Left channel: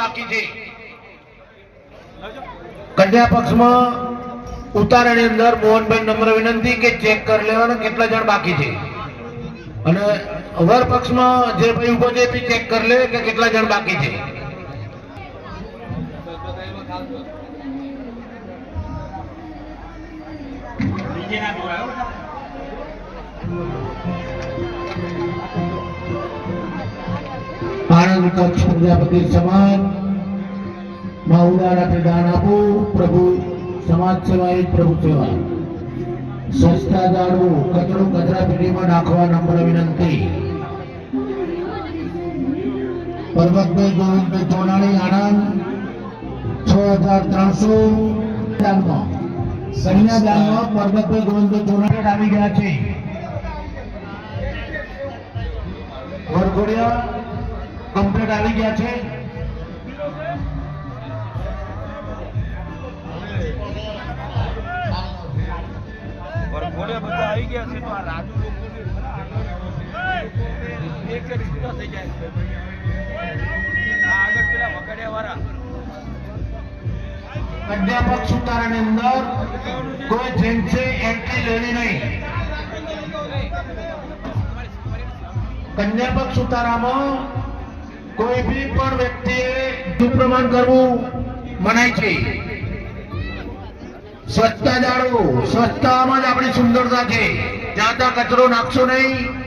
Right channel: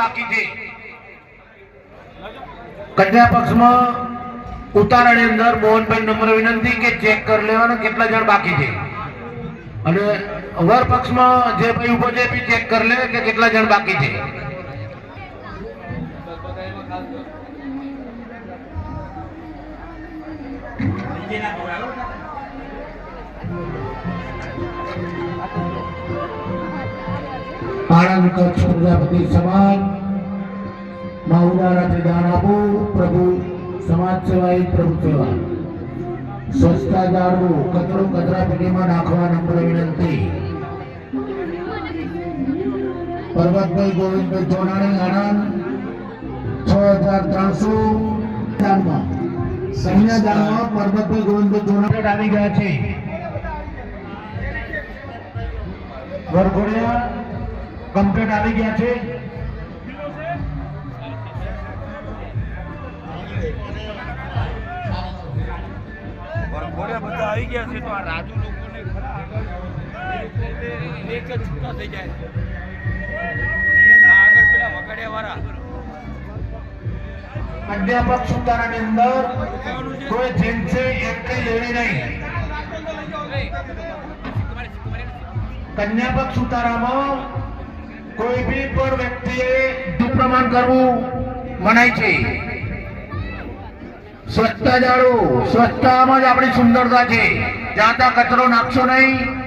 બાકી છે. કન્યા પક્ષમાં ઉતારાની અંદર મોહનભાઈ નમ્ર વિનંતી કે ચેક કરી લેવાના, કેટલા જણ બાકી છે. અને વર પક્ષમાં જે ભાઈ ઊભો છે ચેક કરી લે કે કેટલા જણ બાકી છે. આણંદ કચ્છ પ્રજાપતિ સમાજ. માં ઉદારાથી દાન આપવું પ્રભુ સમાજ સેવા પ્રભુ સેવા. સ્વચ્છતા જાળવું કચરો કચરા પેટીમાં નાખવા નંબર વિનંતી. પર્વતભાઈ ગોવિંદભાઈ ચોનાણી આણંદ છ હજાર ત્રણસો દાનમાં કન્યા દાનમાં પર્વતભાઈ ગોવિંદભાઈ ચોનાણી આવી ગયા છે. વરઘોડિયા કમ્પ્લીટ આવી ગયા છે. બધા આવી ગયા છે તો આ રાજુ જ છૂટા થઈ જાય. આગળ પેલા વગાડ્યા વાળા અધ્યાપક સુતારાની અંદર કોઈ જેન્ટ્સે એન્ટ્રી લેવી નહીં. કન્યાપક સુતારામાં કોઈ બી પણ વ્યક્તિએ દુપ્રમાણ કરવું મનાય છે. સ્વચ્છતા જાળવો. સ્વચ્છતામાં જ આપણી સુંદરતા છે. જ્યાં ત્યાં કચરો નાખશો નહીં.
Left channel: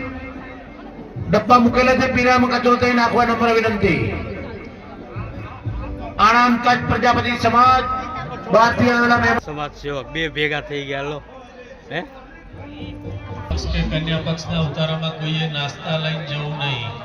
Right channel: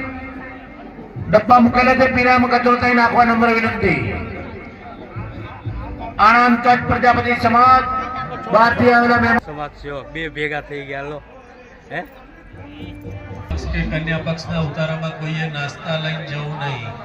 ડબ્બા મૂકેલા છે પીણામાં કચરો થઈ નાખવા નંબર વિનંતી. આણંદ કચ્છ પ્રજાપતિ સમાજ બહારથી આવેલા સમાજ સેવક બે ભેગા થઈ ગયા લો. હે? કન્યા પક્ષના ઉતારામાં કોઈએ નાસ્તા લઈને જવું નહીં.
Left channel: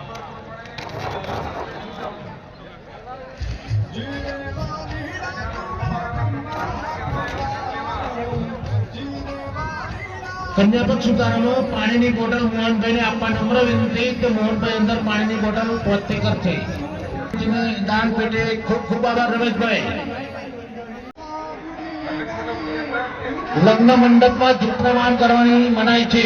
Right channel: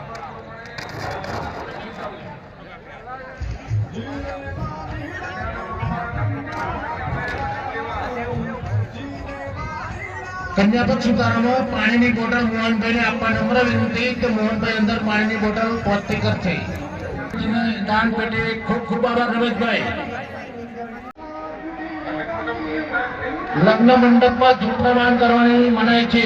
કન્યાપક સુતારામાં પાણીની બોટલ મોહનભાઈને આપવા નમ્ર વિનંતી કે મોહનભાઈ અંદર પાણીની બોટલ પહોંચતી કરશે દાન પેટે ખૂબ ખૂબ આભાર રમેશભાઈ. લગ્ન મંડપમાં જુપ્રમાન કરવાની મનાય છે.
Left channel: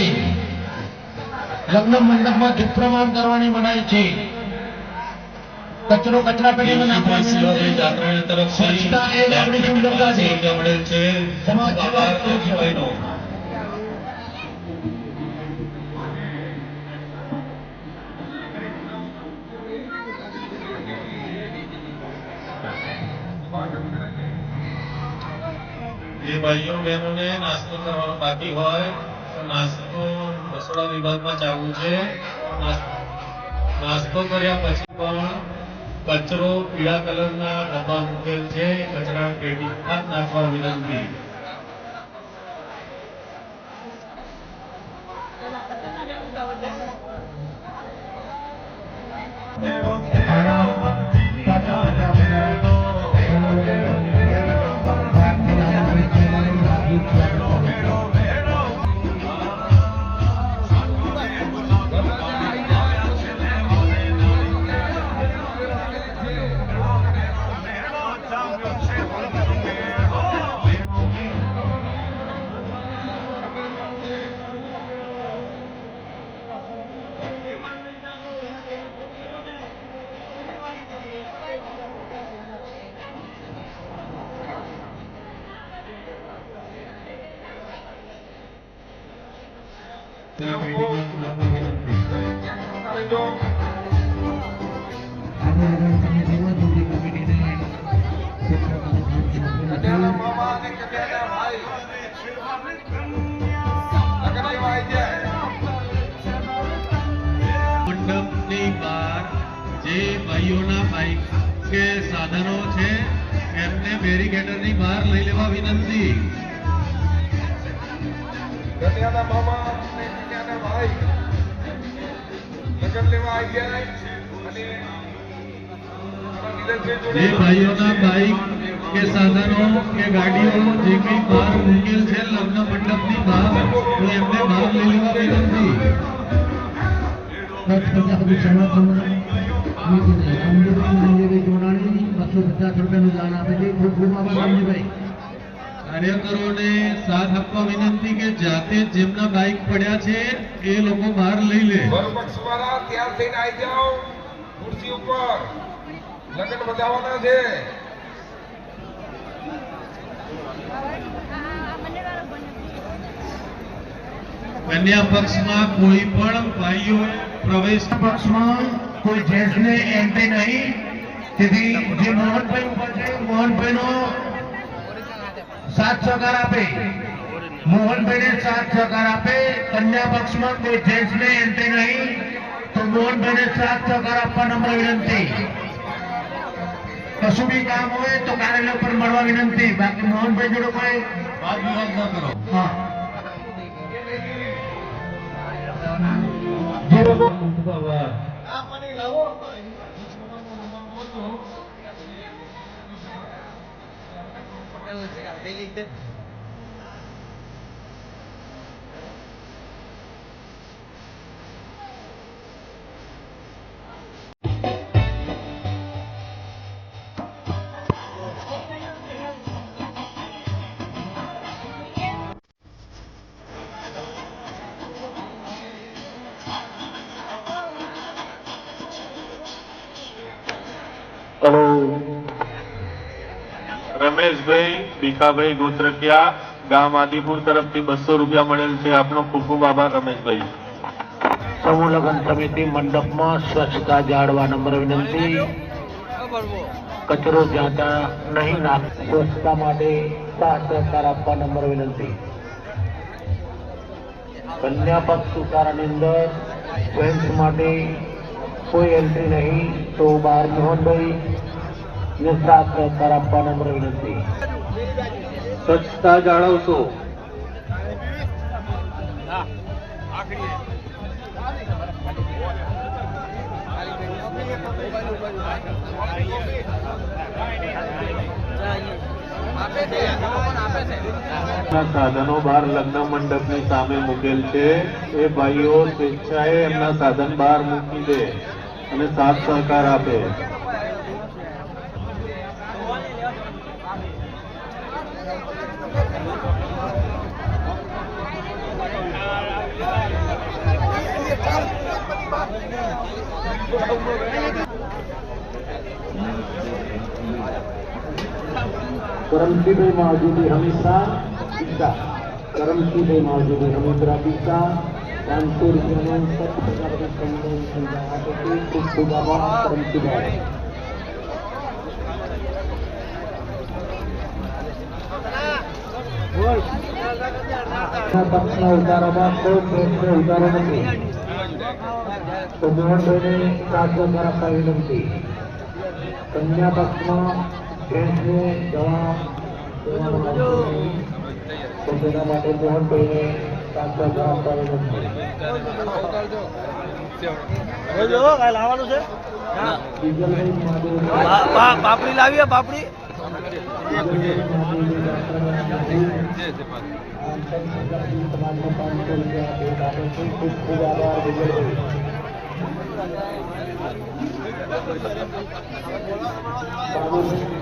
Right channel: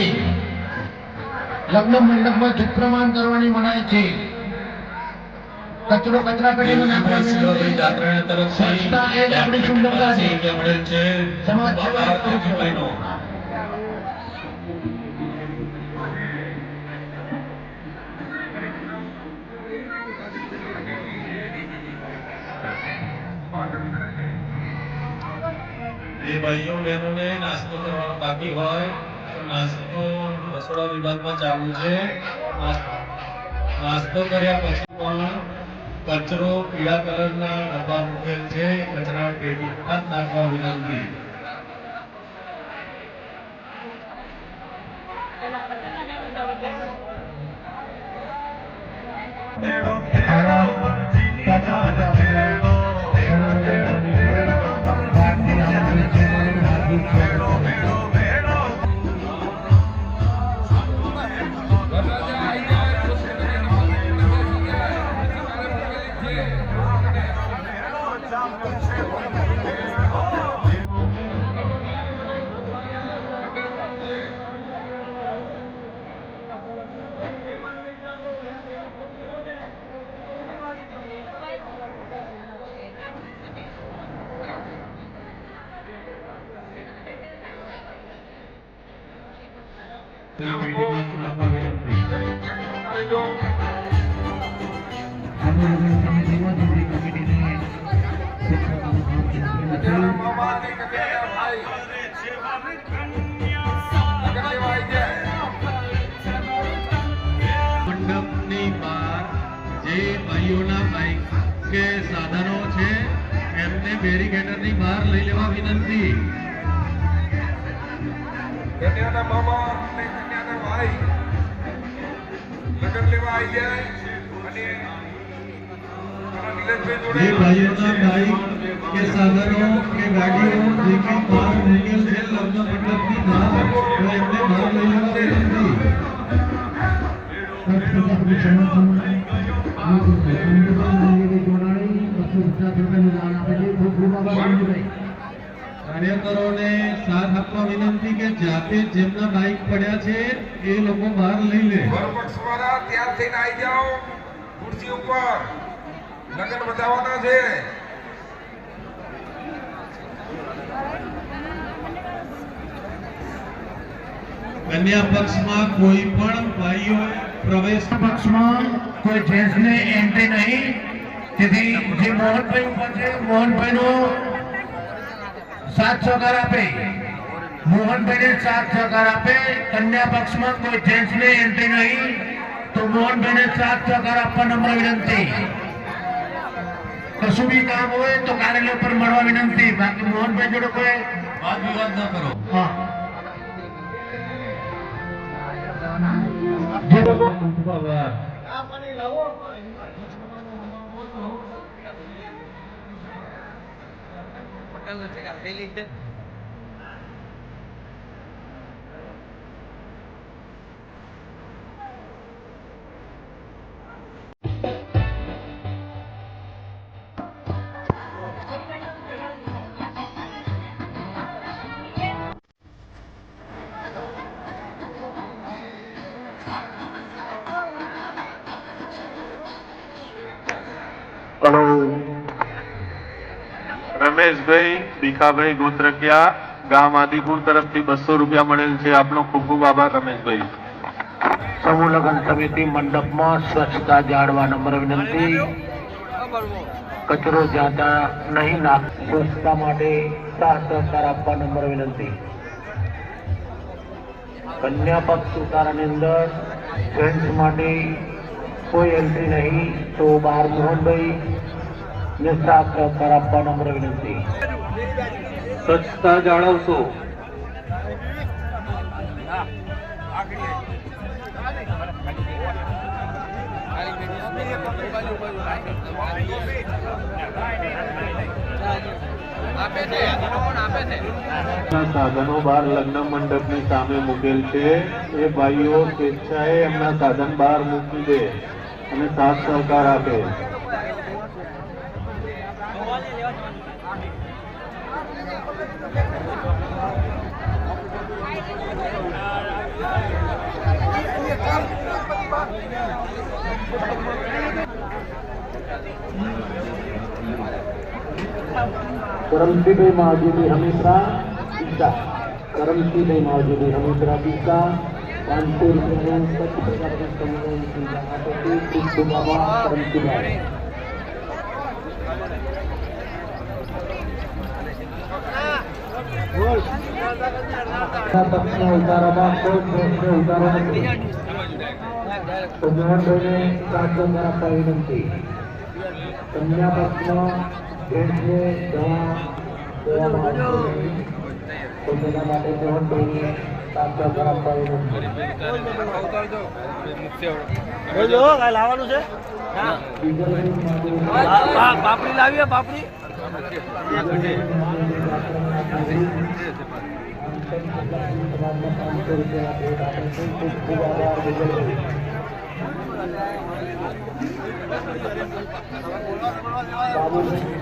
લગ્ન મંડપમાં જુપ્રમાણ કરવાની મનાય છે. કચરો કચરા પેટીમાં નાખવાની. જાત્રાણી તરફથી સ્વચ્છતા એ જ આપણી સુંદરતા છે. રૂપિયા છે સમાજ સેવા દેવજીભાઈનો. એ ભાઈઓ બહેનોને નાસ્તો કરવાનો બાકી હોય નાસ્તો રસોડા વિભાગમાં ચાલુ છે નાસ્તો કર્યા પછી પણ કચરો પીળા કલરના ડબ્બા મૂકેલ છે. કચરા પેટી નાખવા વિનંતી. મંડપની બહાર જે ભાઈઓના બાઇક કે સાધનો છે, એમને બેરીકેડરની બહાર લઈ લેવા વિનંતી. ધન્યવાદ મામા. ભાઈ. લગ્ન લેવા આવી ગયા અને બાઇક કે સાધનો, કે વિનંતી કચ્છ પ્રજાપતિ સમાજ રામદેવભાઈ રામદેવભાઈ જોડાણી બસો પચાસ રૂપિયાનું દાન આપે છે. ખૂબ ખૂબ આભાર રામજીભાઈ કાર્યકરોને સાથ આપવા વિનંતી કે જાતે જેમના બાઇક પડ્યા છે એ લોકો બહાર લઈ લે. બરોબર પક્ષ તૈયાર થઈને આવી જાઓ ખુરશી ઉપર. લગન બતાવવાના છે. કન્યા પક્ષમાં કોઈ પણ ભાઈઓ પ્રવેશ પક્ષમાં કોઈ જેન્ટ્સને એન્ટ્રી નહીં. તેથી જે મોહનભાઈ ઉપર છે મોહનભાઈનો સાથ સહકાર આપે. મોહનભાઈને સાથ સહકાર આપે. કન્યા પક્ષમાં કોઈ જેન્ટ્સને એન્ટ્રી નહીં. તો મોહનભાઈને સાથ સહકાર આપવા નમ્ર વિનંતી. કશું બી કામ હોય તો કાર્યાલય પર મળવા વિનંતી. બાકી મોહનભાઈ જોડે કોઈ વાદ વિવાદ ન કરો. હા. જે લોકો બાબા હલો રમેશભાઈ ભીખાભાઈ ગોત્રકિયા, ગામ આદિપુર તરફથી બસો રૂપિયા મળેલ છે. આપનો ખૂબ ખૂબ આભાર, રમેશભાઈ. સમૂહ લગ્ન સમિતિ મંડપમાં સ્વચ્છતા જાળવા નંબર વિનંતી. કચરો જ્યાં નહીં નાખ, સ્વચ્છતા માટે સહકાર આપવા નંબર વિનંતી. કન્યા પક્ષ ઉતારાની અંદર માટે કોઈ એન્ટ્રી નહીં, તો બાર મોહનભાઈ ને સહકાર આપવા નમ્ર વિનંતી સ્વચ્છતા જાળવશો. સાધનો બહાર લગ્ન મંડપની સામે મૂકેલ છે. એ ભાઈઓ સ્વેચ્છાએ એમના સાધન બહાર મૂકી દે અને સાથ સહકાર આપે. કરમશીભાઈ માવજીભાઈ હમીસરા પિતા કરમશીભાઈ માવજીભાઈ હમીસરા પિતા પાંચસો રૂપિયા કરમશીભાઈ પક્ષના ઉતારામાં કોઈ પ્રશ્ન ઉતાર્યો નથી તો મોહનભાઈને પાછો આપવા વિનંતી કન્યા પક્ષમાં તો માટે મોહનભાઈને પાછો આપવા વિનંતી લાવવાનું છે પાપડી લાવીએ પાપડી આભાર બાબુભાઈ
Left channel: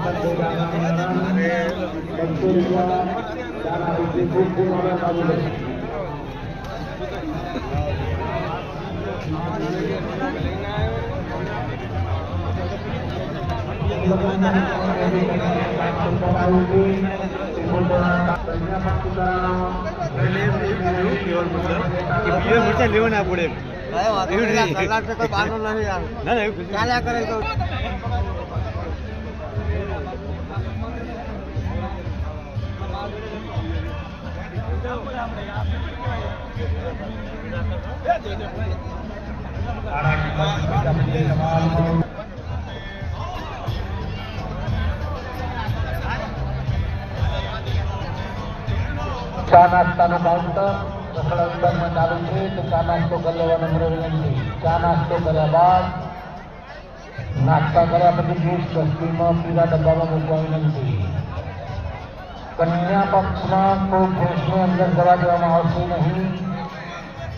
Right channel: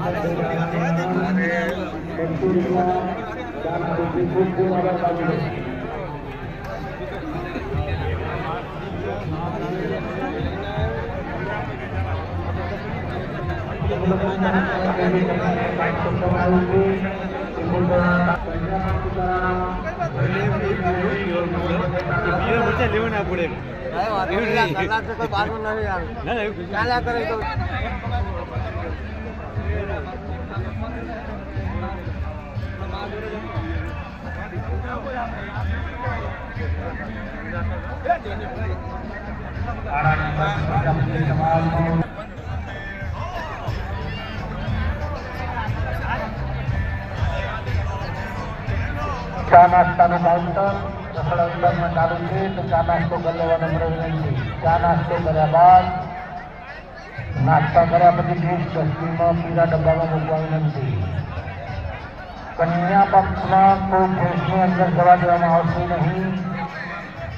નીચે લેવું એવું ચા નાસ્તાનું કાઉન્ટર. રસોડા વિભાગમાં ચાલુ છે તો ચા નાસ્તો કરી લેવાનો નમ્ર વિનંતી ચા નાસ્તો કર્યા બાદ નાસ્તા કર્યા પછી ડીશ ડસ્ટબિનમાં પીળા ડબ્બામાં મૂકવા વિનંતી કન્યા પક્ષમાં કોઈ ભેંસની અંદર જવા દેવામાં આવશે નહીં.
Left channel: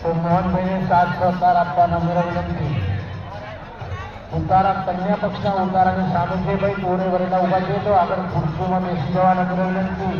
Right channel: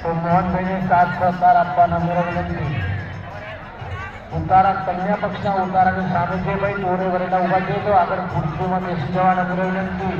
તો મોહનભાઈને સાથ સહકાર આપવા નમ્ર વિનંતી ઉતારા કન્યા પક્ષના ઉતારાની સામે છે ભાઈ દોરે વરેલા ઊભા છે તો આગળ ખુરશીમાં બેસી જવા નમ્ર વિનંતી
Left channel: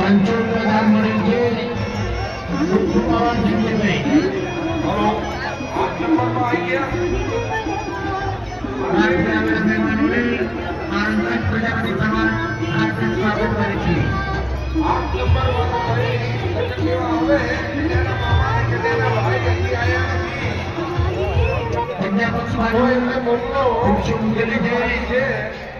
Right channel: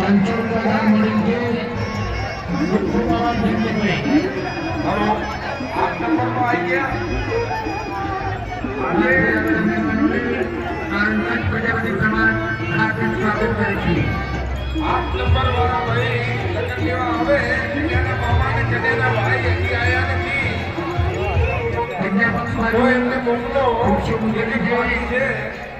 પાંચસો રૂપિયા દાન મળેલ છે ખૂબ ખૂબ આભાર જયંતિભાઈ હલો આઠ નંબર વાળા ભાઈ લગ્ન લેવા આવે એના મામા અને કન્યાના ભાઈ હજી આયા નથી તો એમને મોકલો જેની ભાઈ છે